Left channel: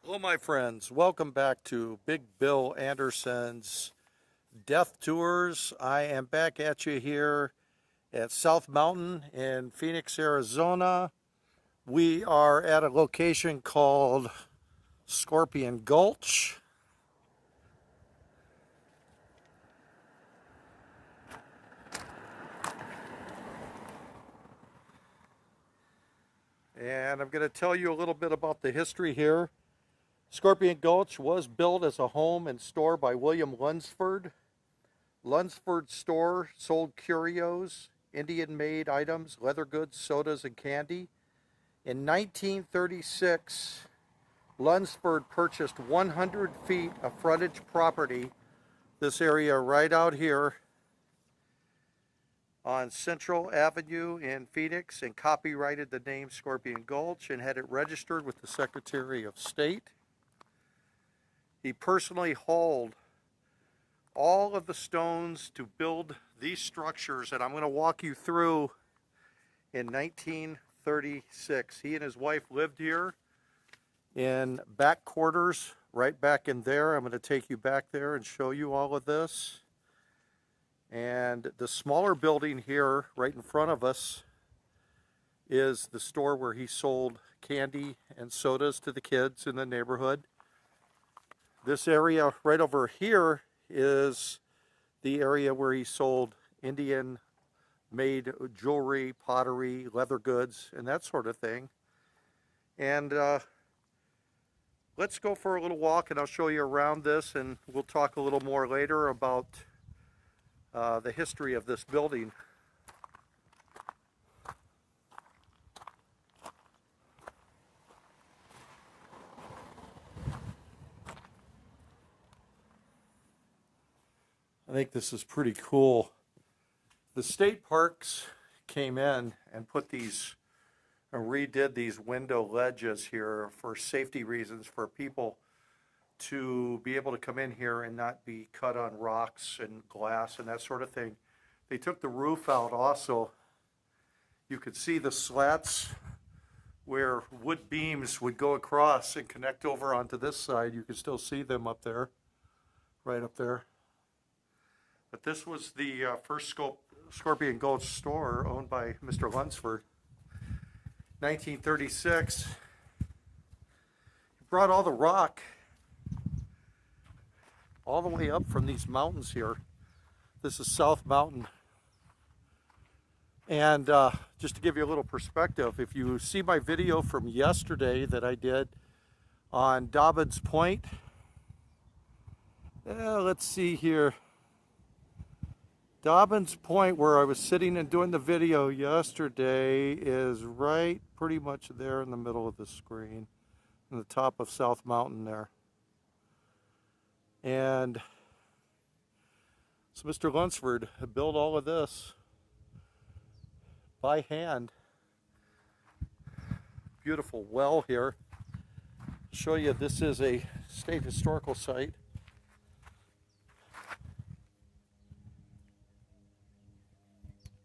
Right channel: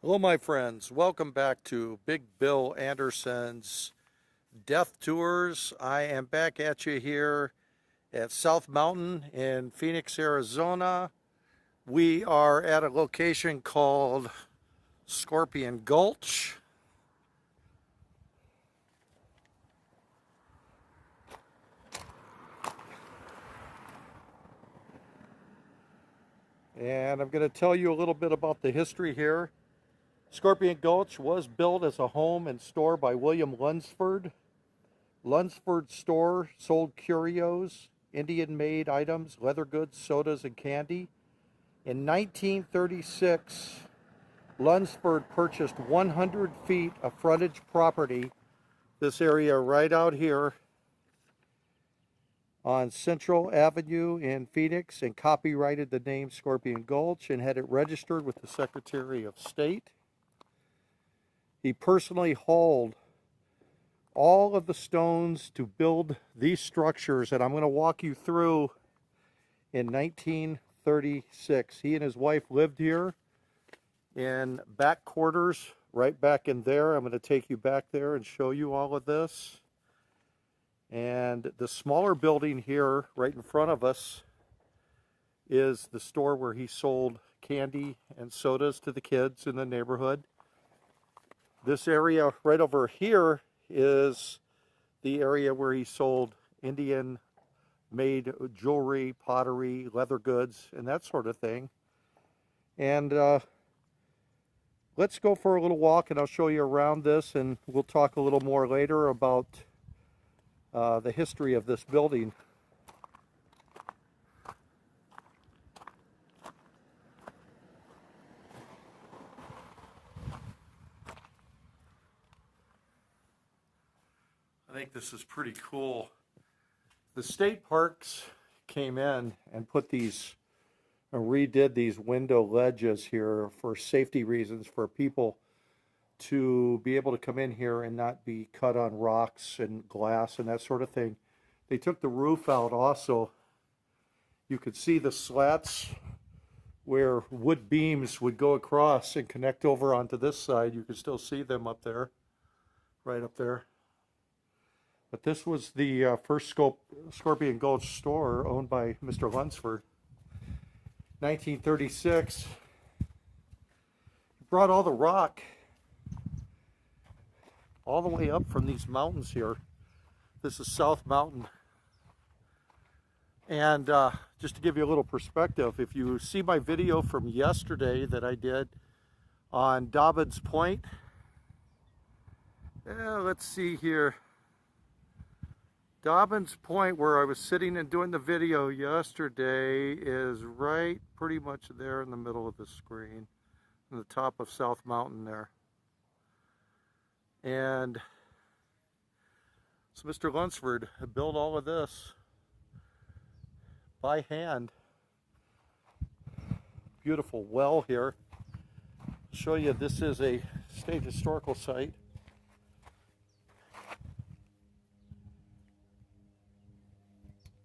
Hello, my friends. Welcome back to Big Bill Anderson's Death Tours. I am back at you here at South Mountain in Phoenix, Arizona. We are at a location called Scorpion Gulch. And I'm going to tell you a little bit about the history here. Scorpion Gulch was built as a home and store by William Lunsford. Lunsford's store sold curios, Indian-made items, leather goods, sodas, and candy. In 1936, Lunsford purchased 100 feet of frontage property, this area right out here on Central Avenue in Phoenix, and copyrighted the name Scorpion Gulch and had it registered with the Secretary of State. He personally hauled all of the stones to build these structures that I'm going to walk you through in 1936. He and his wife lived here in back quarters, right back in there. I'm going to take you back there and show you all of this. And the smaller building here, right in front of us, is the store where he sold candy and sodas to the kids in the neighborhood. This area right over here is the area where he sold Indian-made jewelry, pottery, leather goods, and that sort of thing. And let's go for a little walk, and I'll show you around this, and we'll talk a little more later about the history of this building. I think this is pretty cool. The state parks came in and put these, redid these window ledges here for safety reasons, for people to be able to come in here and not be cut on rocks and glass and that sort of thing. They took the roof out also. You could see the slats where wood beams would go across and connect over onto this side. You can still see them up there, right up there. But this was the first Scorpion Gulch store owned by Mr. Lunsford. 1936. He brought all the rock all the way up from these mountains here. This is South Mountain. And just to give you a little perspective, if you see my video from yesterday that I did on Dobbins Point, let's see here. Dobbins Point, where I was sitting and doing the video yesterday, is right pretty much there in the middle of the screen, on the top of South Mountain there. And so Mr. Lunsford built all of this by hand. Beautiful well here. I'll show you, this is a state historical site.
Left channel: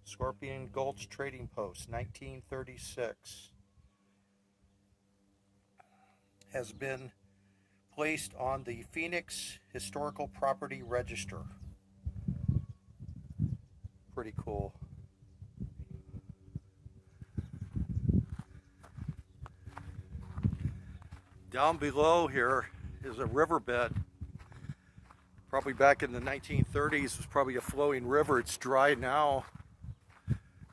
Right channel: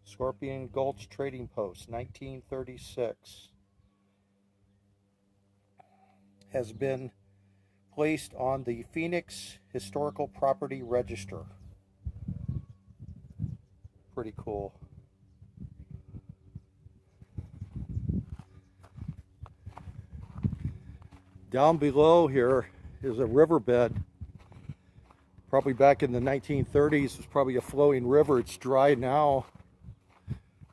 Scorpion Gulch Trading Post, 1936, has been placed on the Phoenix Historical Property Register. Pretty cool. Down below here is a riverbed. Probably back in the 1930s, it was probably a flowing river. It's dry now.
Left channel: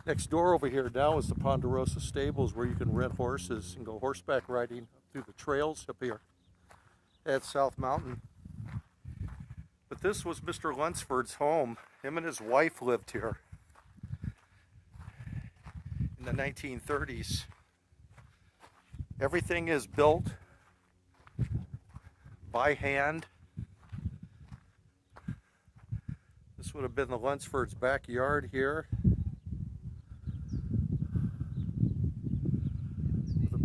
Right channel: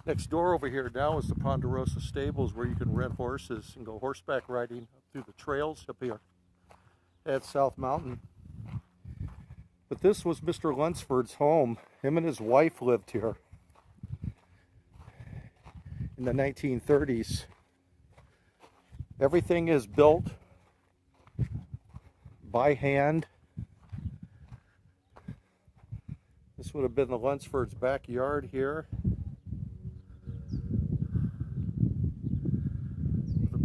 Next door over here now is the Ponderosa Stables, where you can rent horses and go horseback riding up through the trails up here at South Mountain. But this was Mr. Lunsford's home. Him and his wife lived here in the 1930s. Everything is built by hand. This would have been the Lunsford's backyard here.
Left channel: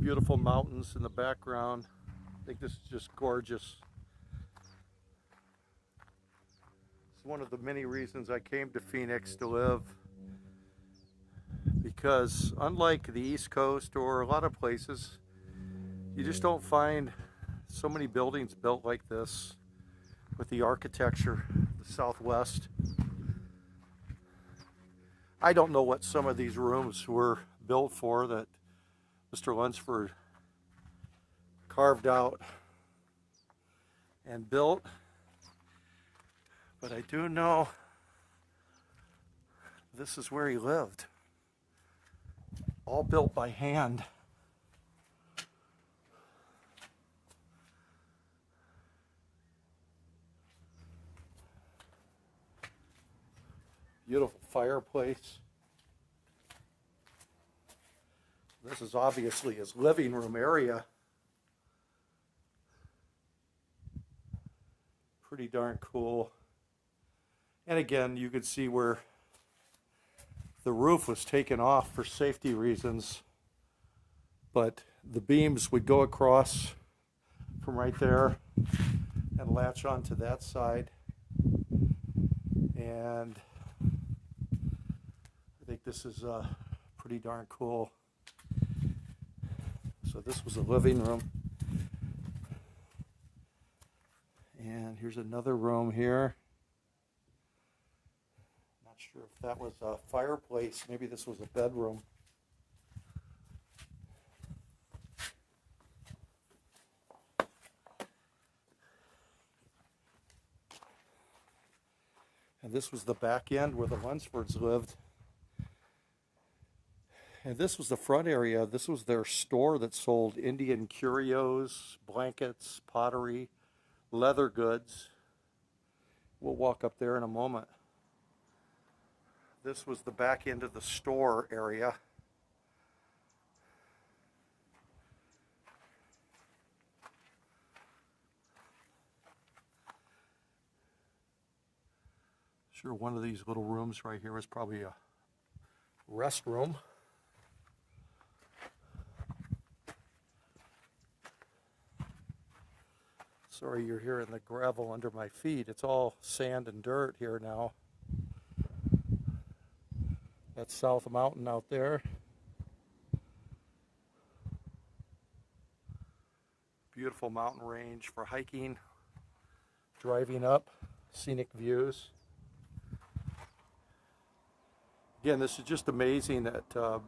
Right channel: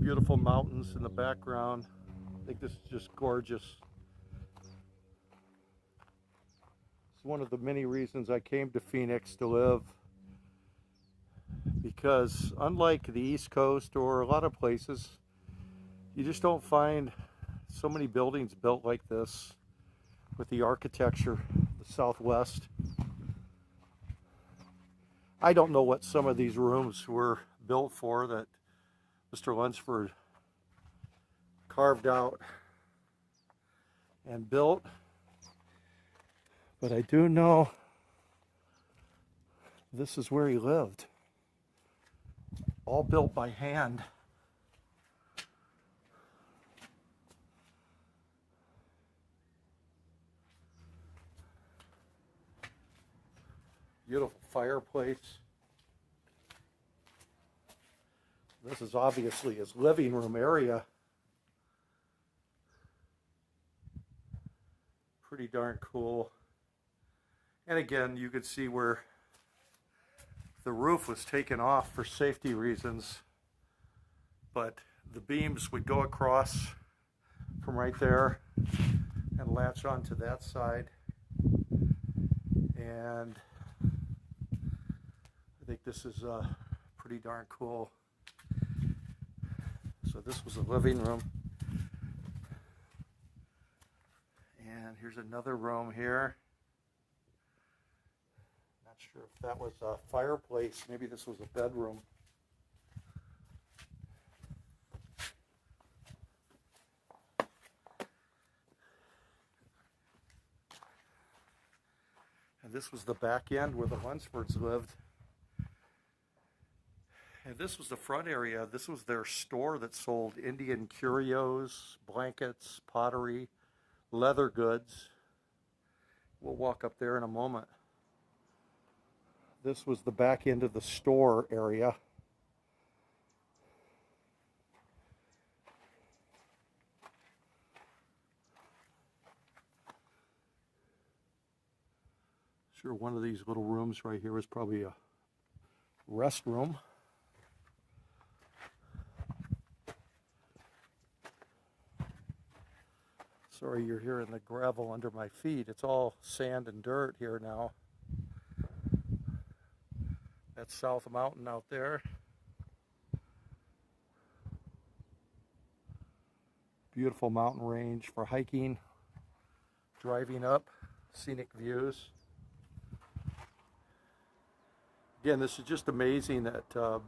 Beautiful mountains in the background. I think this is just gorgeous. It's one of the many reasons I came to Phoenix to live, because unlike the East Coast or a lot of places, you just don't find So many buildings built like this with the architecture, the Southwest. I don't know what some of these rooms were built for that Mr. Lunsford carved out and built, but I do know this is where he lived. All built by hand. Beautiful fireplace. This is obviously his living room area. Pretty darn cool. And again, you could see where the roof was taken off for safety reasons, but the beams would go across from right there and latch onto that side. And I think this is pretty darn cool. So this was a living room. And here's another room here. Not sure if that was a fireplace. Maybe this was a bedroom. And this was the back end where the Lunsfords lived. And this was the front area. This was their store that sold Indian curios, blankets, pottery, leather goods. We'll walk up there in a moment. This was the back end of the store area. Sure, one of these little rooms right here is probably a restroom. Sorry, you're hearing the gravel under my feet. It's all sand and dirt here now. That's South Mountain out there. Beautiful mountain range for hiking, driving up, scenic views. Again, this is just amazing that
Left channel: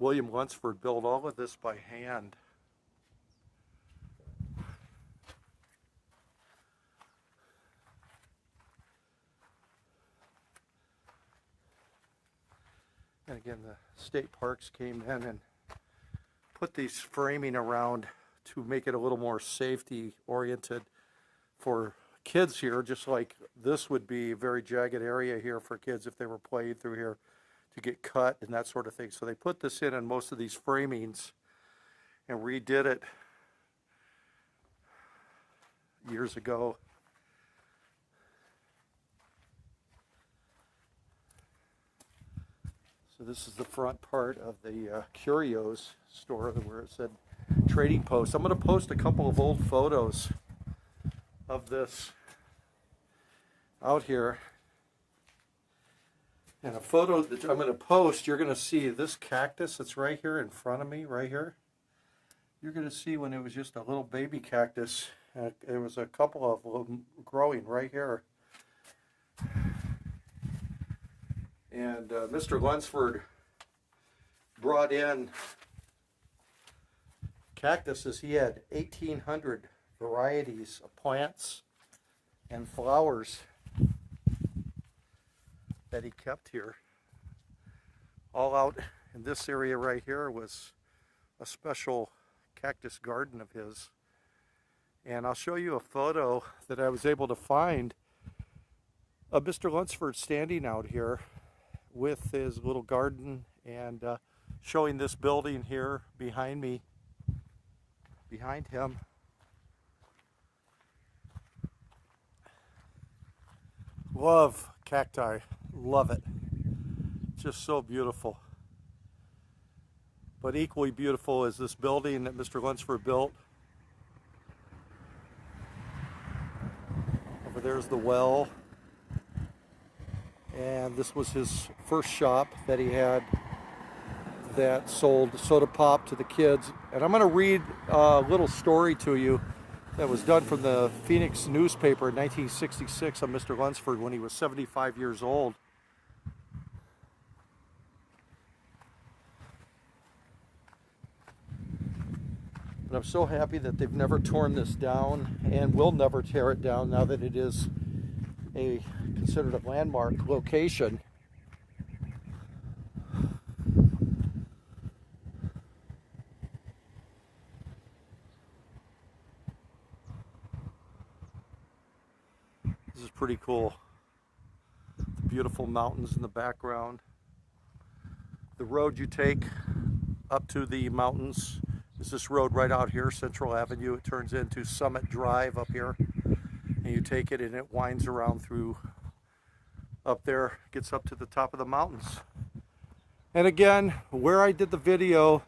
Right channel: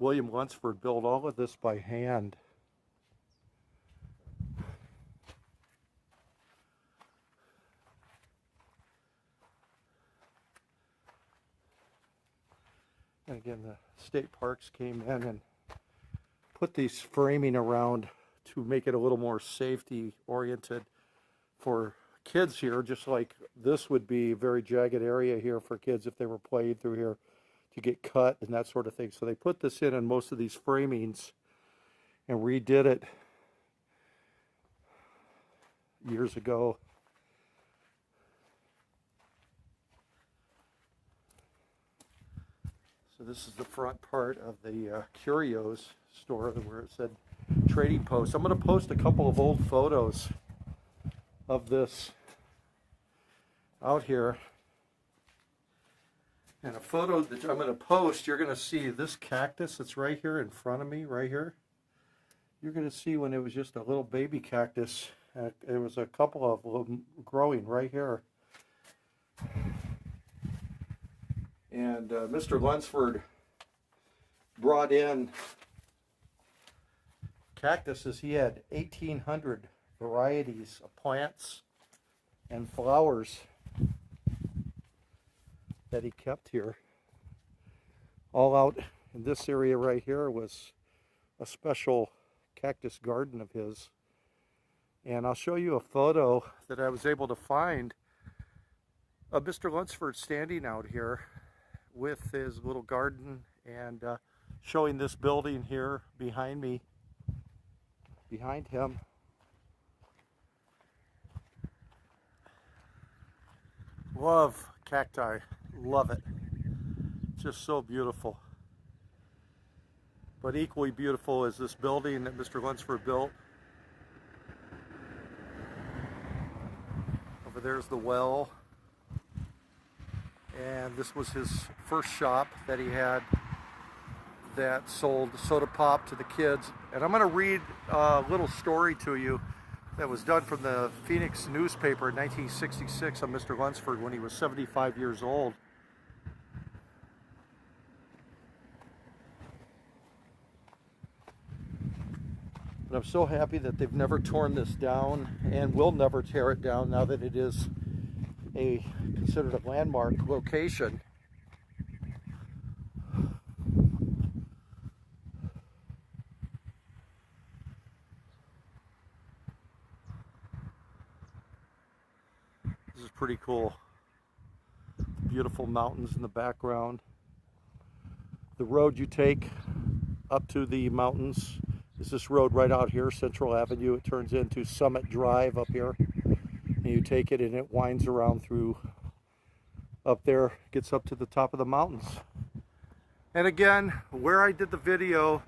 William Lunsford built all of this by hand. And again, the state parks came in and put these framing around to make it a little more safety oriented for kids here, just like this would be a very jagged area here for kids if they were playing through here to get cut and that sort of thing. So they put this in most of these framings and redid it years ago. So this is the front part of the curios store where it said trading post. I'm going to post a couple of old photos of this out here. And a photo that I'm going to post, you're going to see this cactus that's right here in front of me, right here. You're going to see when it was just a little baby cactus. There was a couple of them growing right here. And Mr. Lunsford brought in cactuses. He had 1,800 varieties of plants and flowers that he kept here. All out in this area right here was a special cactus garden of his. And I'll show you a photo that I was able to find of Mr. Lunsford standing out here with his little garden and showing this building here behind me, behind him. Love cacti, love it. Just so beautiful. But equally beautiful is this building that Mr. Lunsford built. Over there's the well. And this was his first shop that he had that sold soda pop to the kids. And I'm going to read a little story to you that was done from the Phoenix newspaper in 1966 on Mr. Lunsford when he was 75 years old. But I'm so happy that they've never torn this down and will never tear it down now that it is considered a landmark location. This is pretty cool. The beautiful mountains in the background. The road you take up to the mountains is this road right out here, Central Avenue. It turns into Summit Drive up here. And you take it and it winds around through up there, gets up to the top of the mountains. And again, where I did the video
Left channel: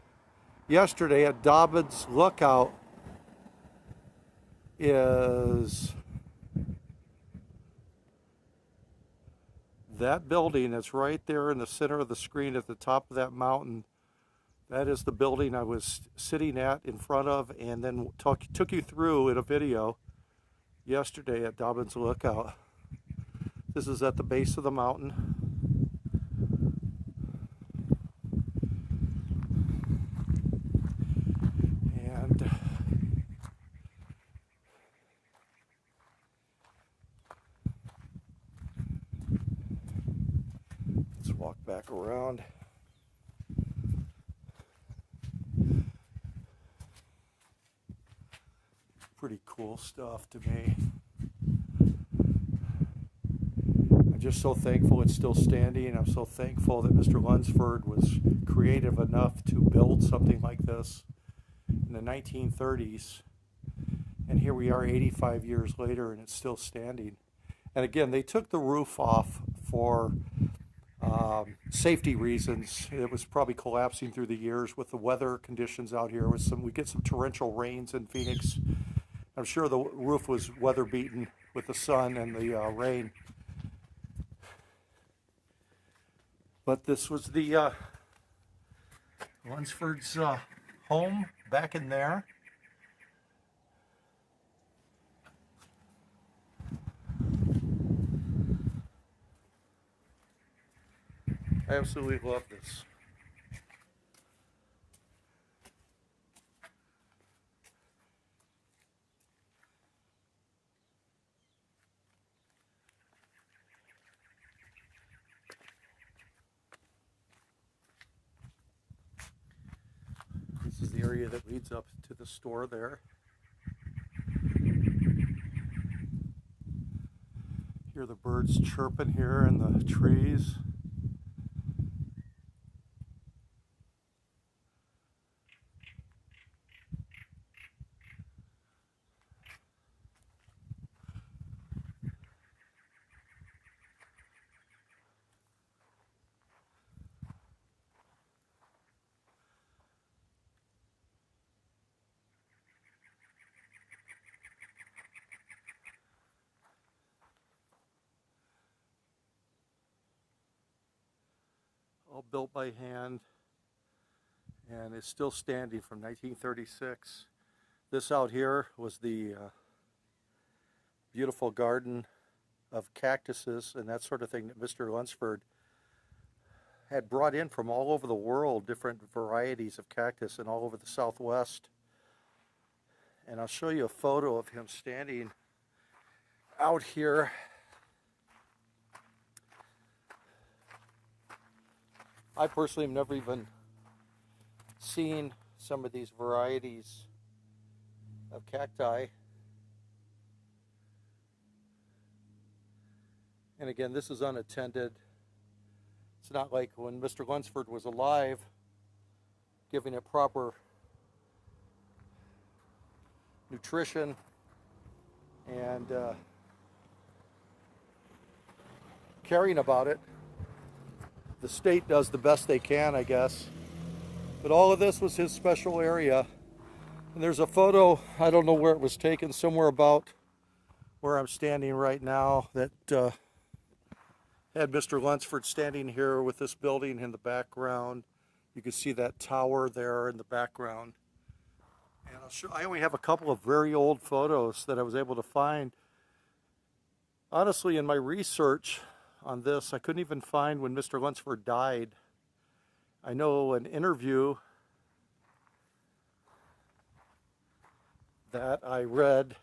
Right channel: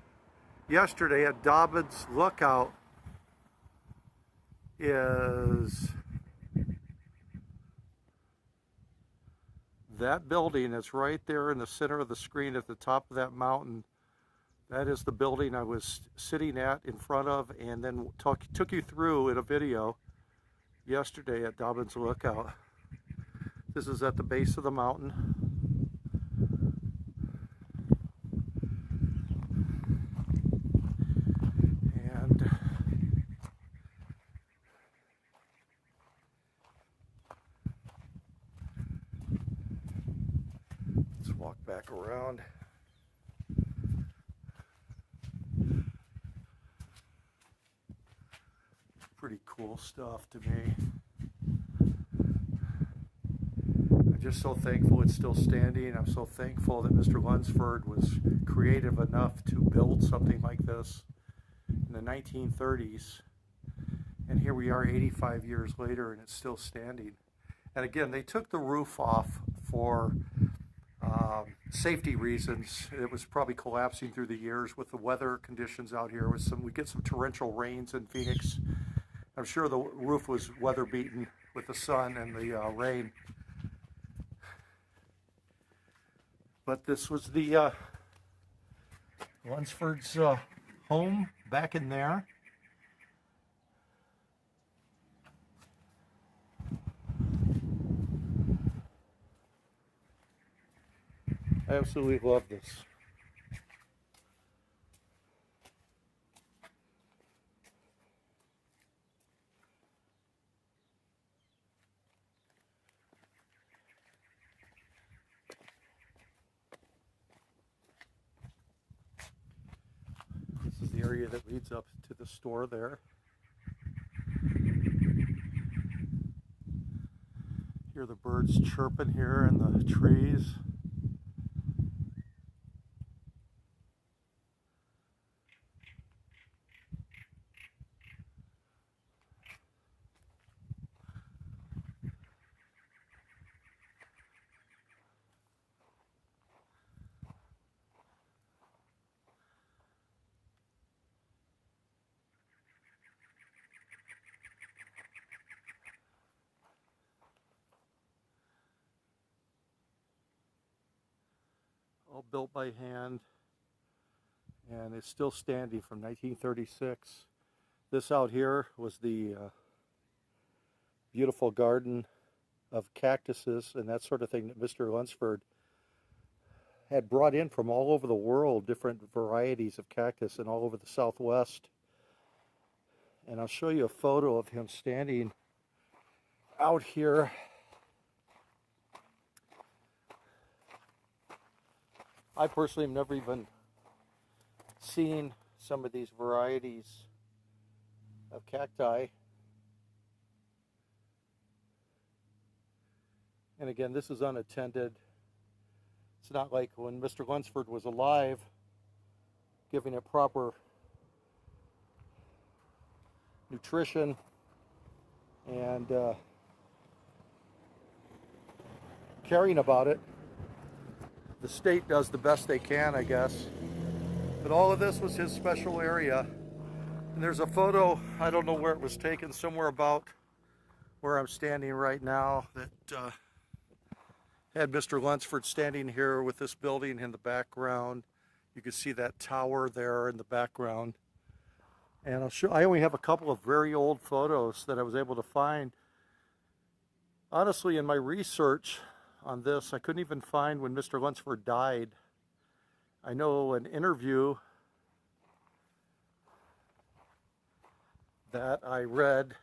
yesterday at Dobbins Lookout is that building that's right there in the center of the screen at the top of that mountain. That is the building I was sitting at in front of and then took you through in a video yesterday at Dobbins Lookout. This is at the base of the mountain. And let's walk back around. Pretty cool stuff to me. I'm just so thankful it's still standing. I'm so thankful that Mr. Lunsford was creative enough to build something like this in the 1930s. And here we are 85 years later and it's still standing. And again, they took the roof off for safety reasons. It was probably collapsing through the years with the weather conditions out here. We get some torrential rains in Phoenix. I'm sure the roof was weather beaten with the sun and the rain. But this was the Lunsford's home back in there. I absolutely love this. This is the area that leads up to the store there. Hear the birds chirping here in the trees. All built by hand, and it's still standing from 1936. This out here was the beautiful garden of cactuses and that sort of thing that Mr. Lunsford had brought in from all over the world, different varieties of cactus and all over the Southwest. And I'll show you a photo of him standing out here. I personally have never even seen some of these varieties of cacti. And again, this is unattended. It's not like when Mr. Lunsford was alive, giving it proper nutrition and caring about it. The state does the best they can, I guess. But all of this was his special area. And there's a photo, I don't know where it was taken, somewhere about where I'm standing right now, that had Mr. Lunsford standing here with this building in the background. You can see that tower there in the background. And I only have a couple of very old photos that I was able to find. Honestly, in my research on this, I couldn't even find when Mr. Lunsford died. I know an interview that I read,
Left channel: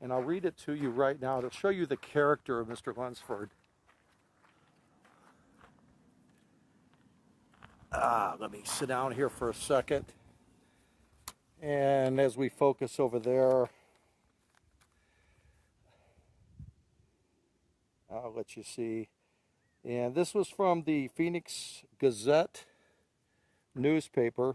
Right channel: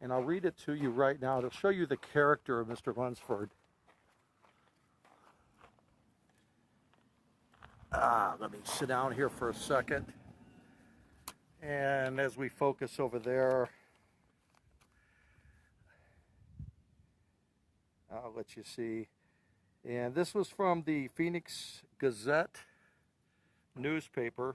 and I'll read it to you right now. It'll show you the character of Mr. Lunsford. Let me sit down here for a second. And as we focus over there, I'll let you see. And this was from the Phoenix Gazette newspaper.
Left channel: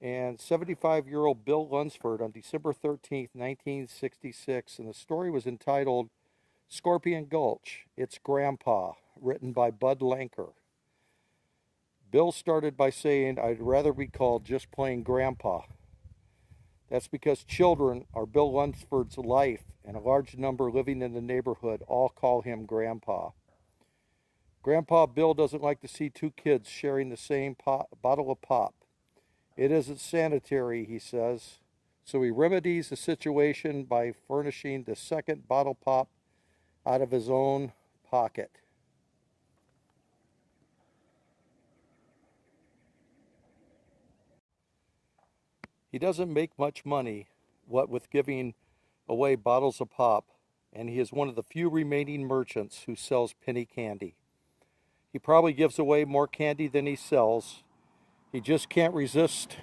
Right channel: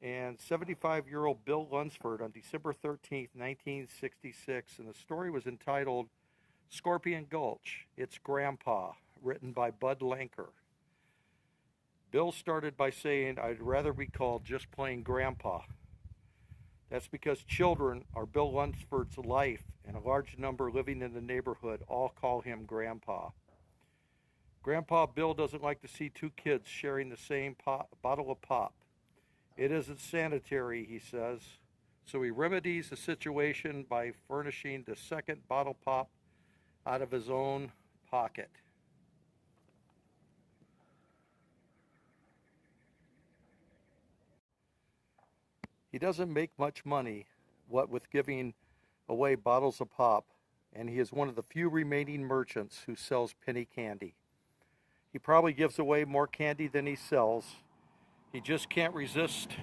And 75-year-old Bill Lunsford on December 13th, 1966. And the story was entitled Scorpion Gulch, It's Grandpa, written by Bud Lanker. Bill started by saying, "I'd rather be called just plain Grandpa." That's because children are Bill Lunsford's life, and a large number living in the neighborhood all call him Grandpa. Grandpa Bill doesn't like to see two kids sharing the same bottle of pop. It isn't sanitary, he says, so he remedies the situation by furnishing the second bottle pop out of his own pocket. He doesn't make much money, what with giving away bottles of pop, and he is one of the few remaining merchants who sells penny candy. He probably gives away more candy than he sells. He just can't resist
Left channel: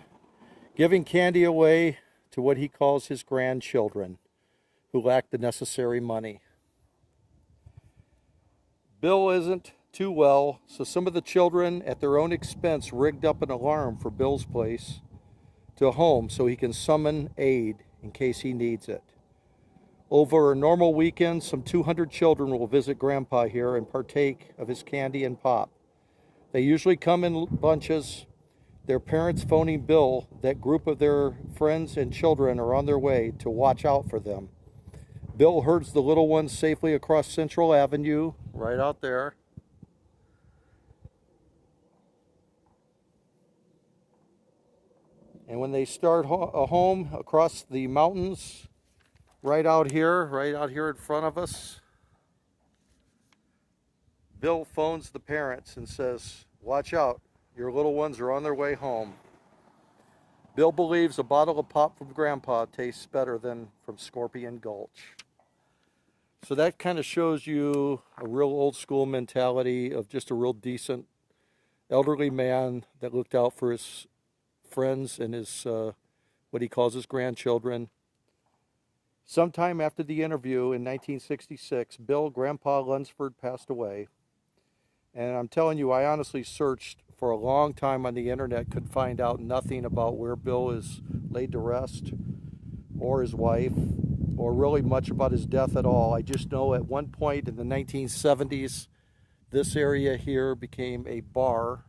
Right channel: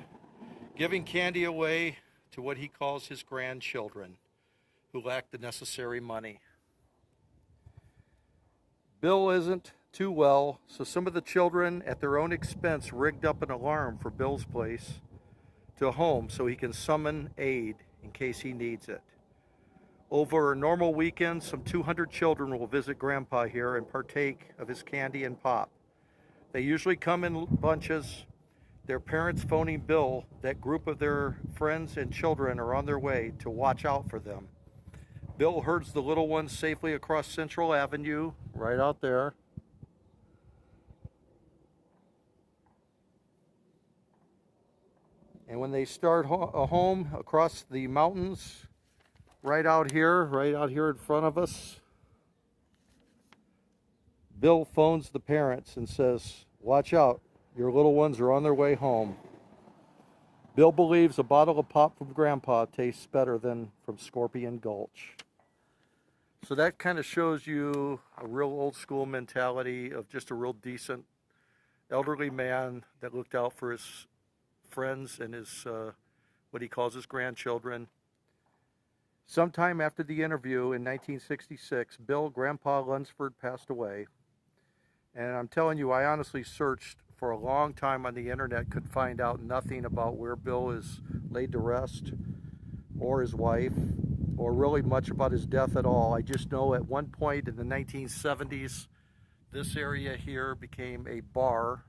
giving candy away to what he calls his grandchildren, who lack the necessary money. Bill isn't too well, so some of the children at their own expense rigged up an alarm for Bill's place to home so he can summon aid in case he needs it. Over a normal weekend, some 200 children will visit Grandpa here and partake of his candy and pop. They usually come in bunches, their parents phoning Bill that group of their friends and children are on their way to watch out for them. Bill herds the little ones safely across Central Avenue, right out there. And when they start home across the mountains, right out here in front of us, Bill phones the parents and says, "Watch out, your little ones are on their way home." Bill believes a bottle of pop from Grandpa tastes better than from Scorpion Gulch. So that kind of shows you a real old school mentality of just a real decent elderly man that looked out for his friends and his what he calls his grandchildren. Sometime after the interview in 1966, Grandpa Lunsford passed away. And I'm telling you, I honestly searched for a long time on the internet, could find out nothing about where Bill is laid to rest, or his wife, or really much about his death at all. I just know at one point in the 1970s, this area here became a bar.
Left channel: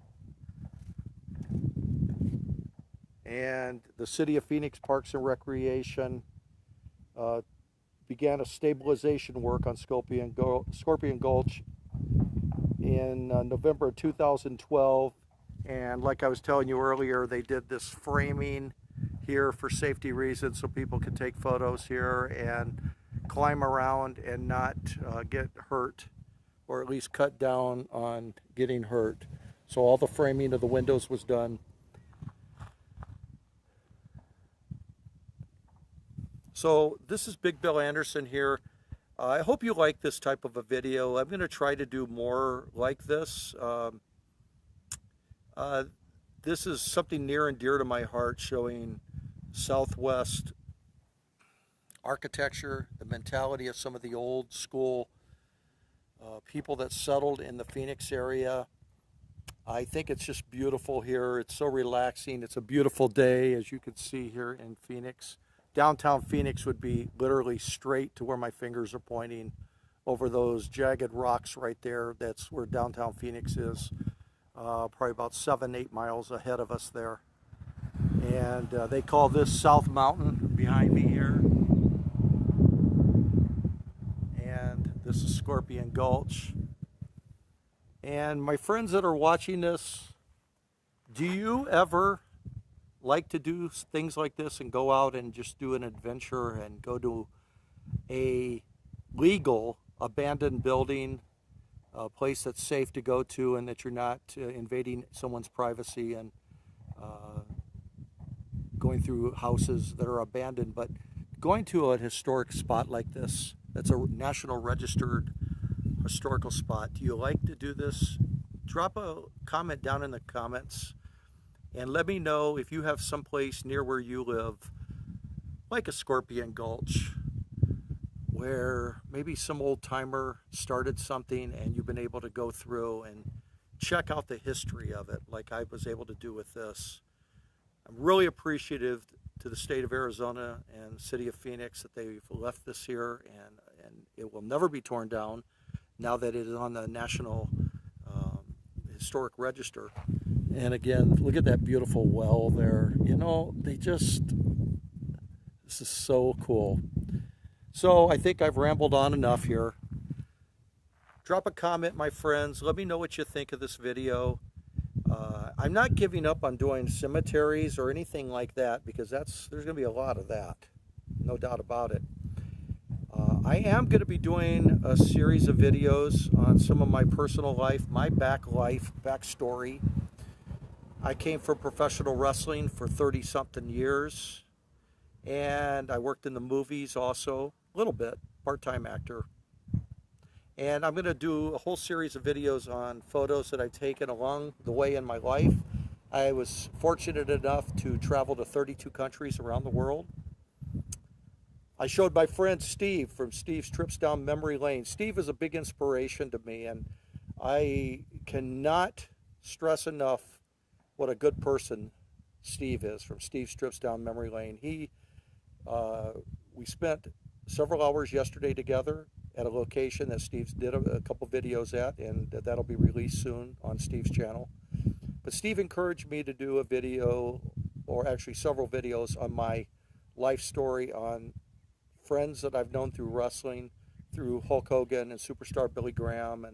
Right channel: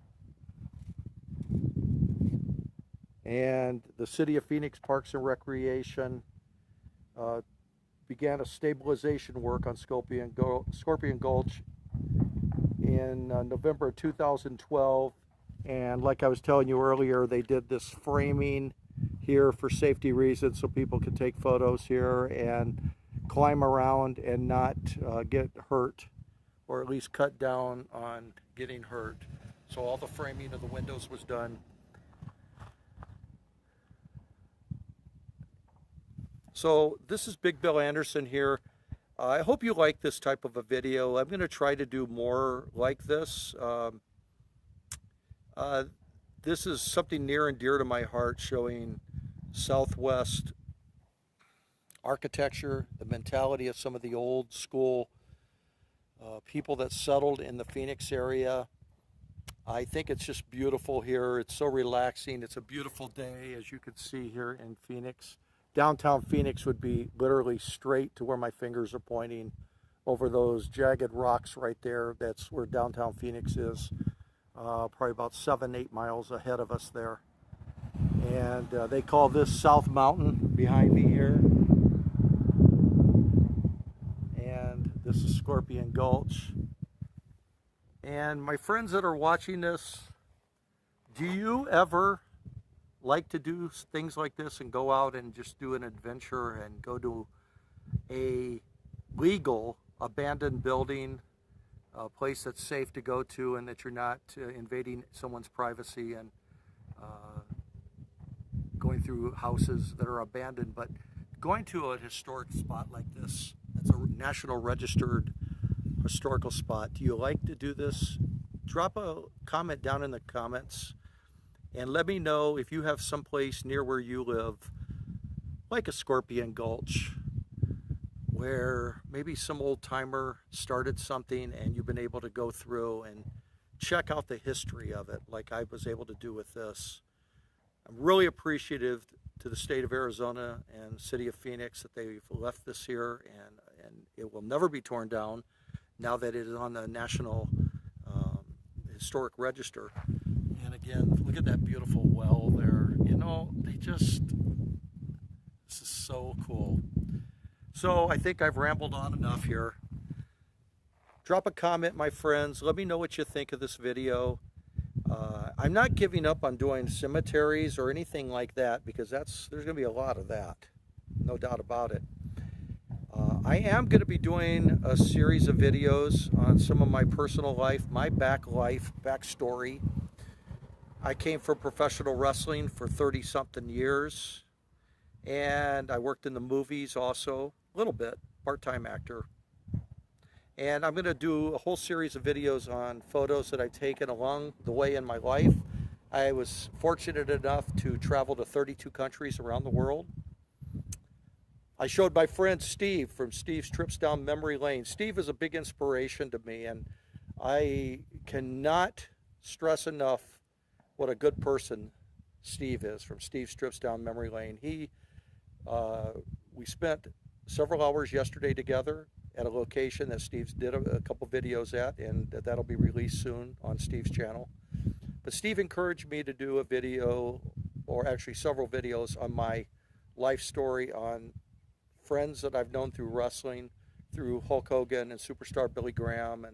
And the City of Phoenix Parks and Recreation began a stabilization work on Scorpion Gulch in November of 2012. And like I was telling you earlier, they did this framing here for safety reasons so people could take photos here and climb around and not get hurt, or at least cut down on getting hurt. So all the framing of the windows was done. So this is Big Bill Anderson here. I hope you like this type of a video. I'm going to try to do more like this. This is something near and dear to my heart, showing Southwest architecture, the mentality of some of the old school people that settled in the Phoenix area. I think it's just beautiful here. It's so relaxing. It's a beautiful day, as you can see here in Phoenix. Downtown Phoenix would be literally straight to where my fingers are pointing, over those jagged rocks right there. That's where downtown Phoenix is, probably about 7-8 miles ahead of us there. And they call this South Mountain behind me here. And this is Scorpion Gulch. And my friends that are watching this, do you ever like to do things like this and go out and just do an adventure and go to a legal abandoned building, a place that's safe to go to and that you're not invading someone's privacy and going through houses that are abandoned, but going to a historic spot like this, that's a national registered historical spot. Do you like to do this? Drop a comment down in the comments and let me know if you have someplace near where you live, like a Scorpion Gulch, where maybe some old timer started something and you've been able to go through and check out the history of it like I was able to do with this. I'm really appreciative to the state of Arizona and city of Phoenix that they've left this here, and it will never be torn down now that it is on the National Historic Register. And again, look at that beautiful well there. You know, this is so cool. So I think I've rambled on enough here. Drop a comment, my friends. Let me know what you think of this video. I'm not giving up on doing cemeteries or anything like that, because there's going to be a lot of that, no doubt about it. I am going to be doing a series of videos on some of my personal life, my backstory. I came from professional wrestling for 30-something years, and I worked in the movies also, a little bit, part-time actor. And I'm going to do a whole series of videos on photos that I've taken along the way in my life. I was fortunate enough to travel to 32 countries around the world. I showed my friend Steve from Steve's Trips Down Memory Lane. Steve is a big inspiration to me, and I cannot stress enough what a good person Steve is from Steve's Trips Down Memory Lane. We spent several hours yesterday together at a location that Steve's did a couple videos at, and that'll be released soon on Steve's channel. But Steve encouraged me to do a video, or actually several videos, on my life story, on friends that I've known through wrestling, through Hulk Hogan and Superstar Billy Graham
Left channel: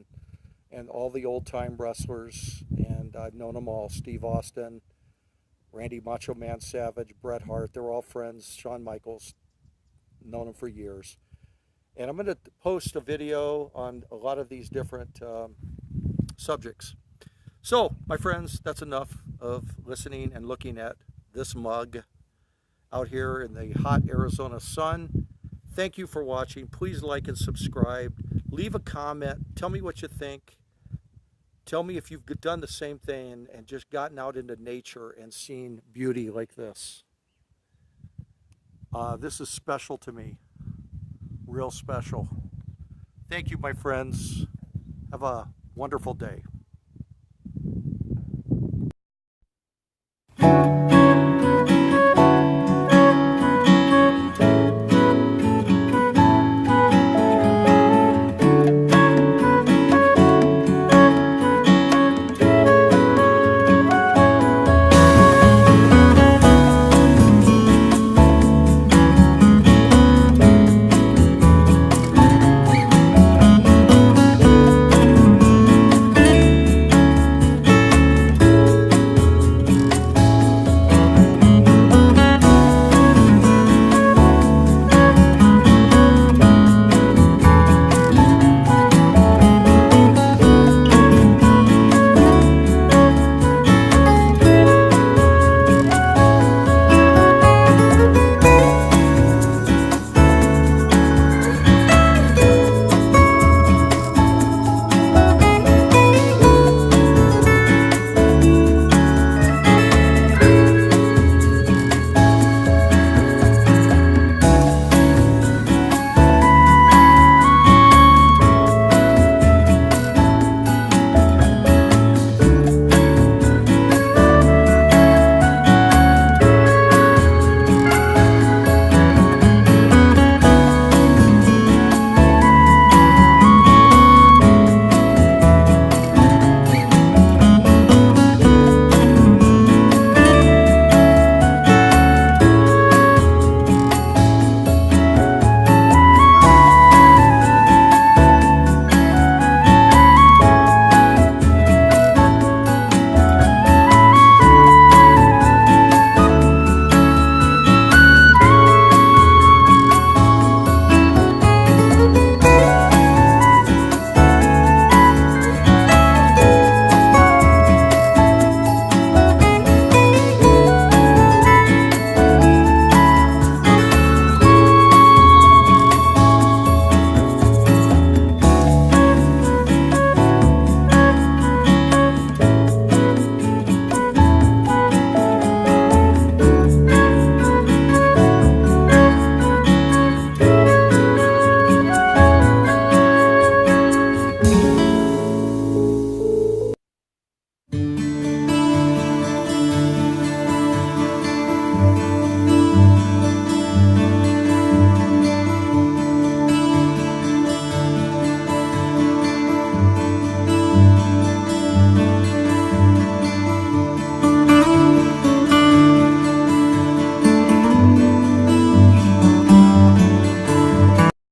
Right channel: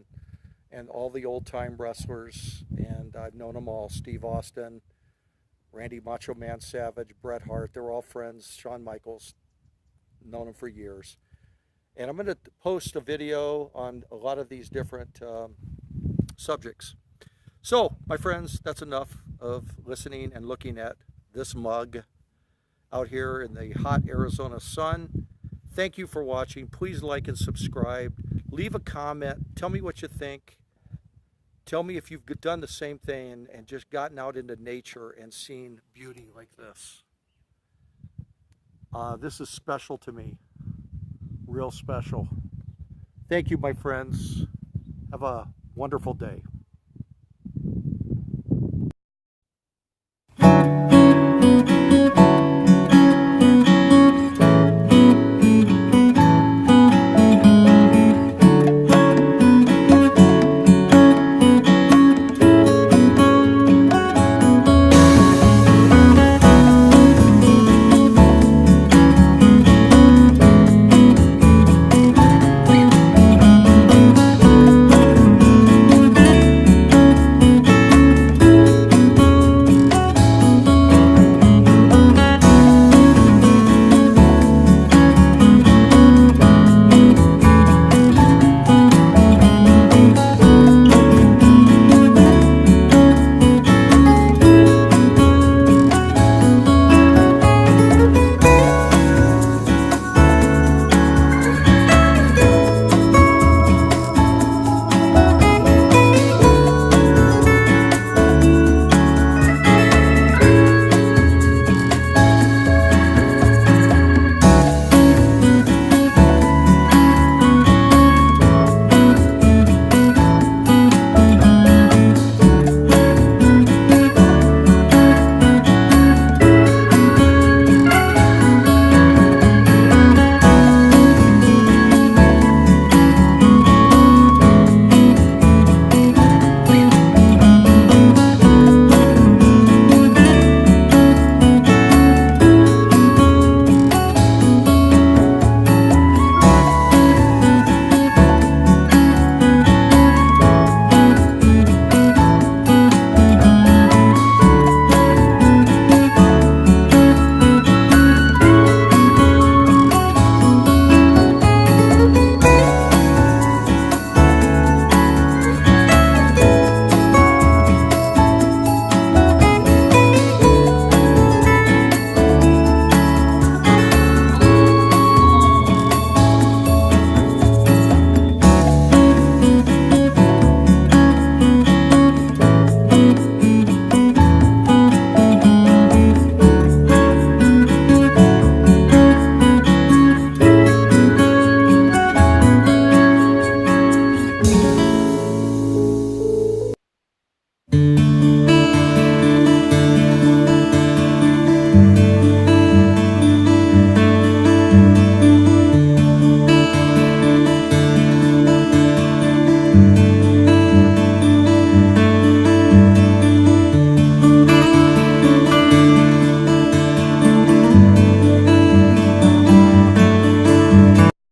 and all the old-time wrestlers, and I've known them all. Steve Austin, Randy Macho Man Savage, Bret Hart, they're all friends. Shawn Michaels, known him for years. And I'm going to post a video on a lot of these different subjects. So, my friends, that's enough of listening and looking at this mug out here in the hot Arizona sun. Thank you for watching. Please like and subscribe. Leave a comment. Tell me what you think. Tell me if you've done the same thing and just gotten out into nature and seen beauty like this. This is special to me. Real special. Thank you, my friends. Have a wonderful day.